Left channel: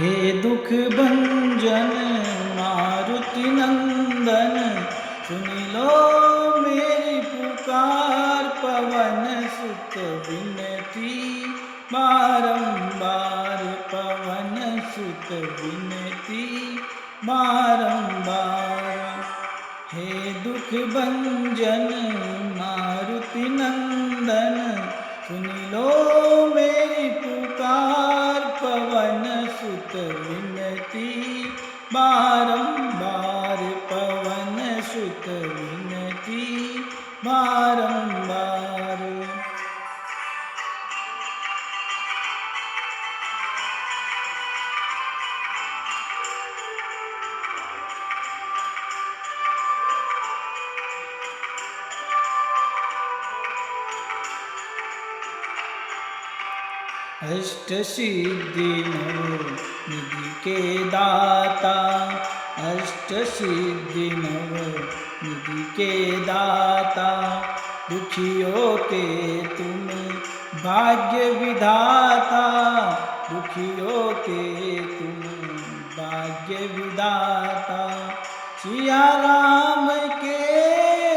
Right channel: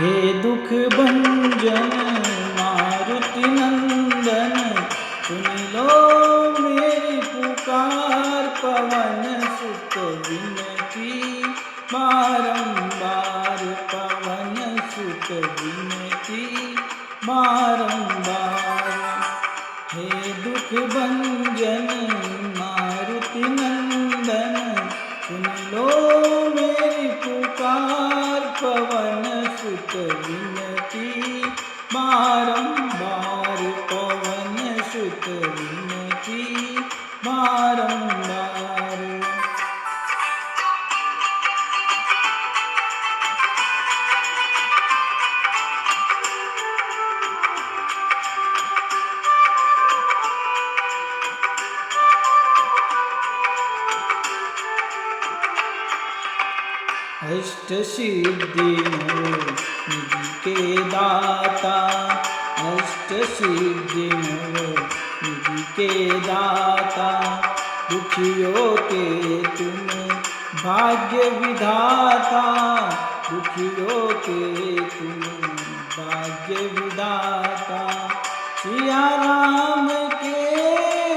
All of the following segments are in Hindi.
हे दुख भंजन मारुति नंदन, सुन लो मेरी पुकार। पवन सुत विनती बारंबार, पवन सुत विनती बारंबार। हे दुख भंजन मारुति नंदन, सुन लो मेरी पुकार। पवन सुत विनती बारंबार, पवन सुत विनती बारंबार। अष्ट सिद्धि निधि के दाता, अष्ट सिद्धि निधि के दाता। दुखियों के तुम भाग्य विधाता, दुखियों के तुम भाग्य विधाता। सिया राम के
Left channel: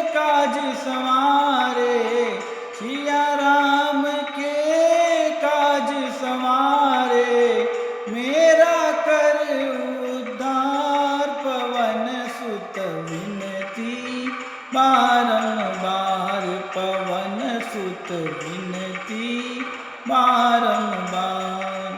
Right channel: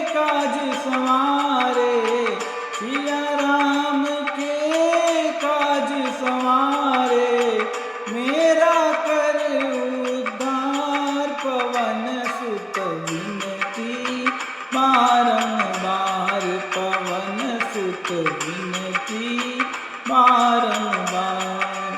काज सवार,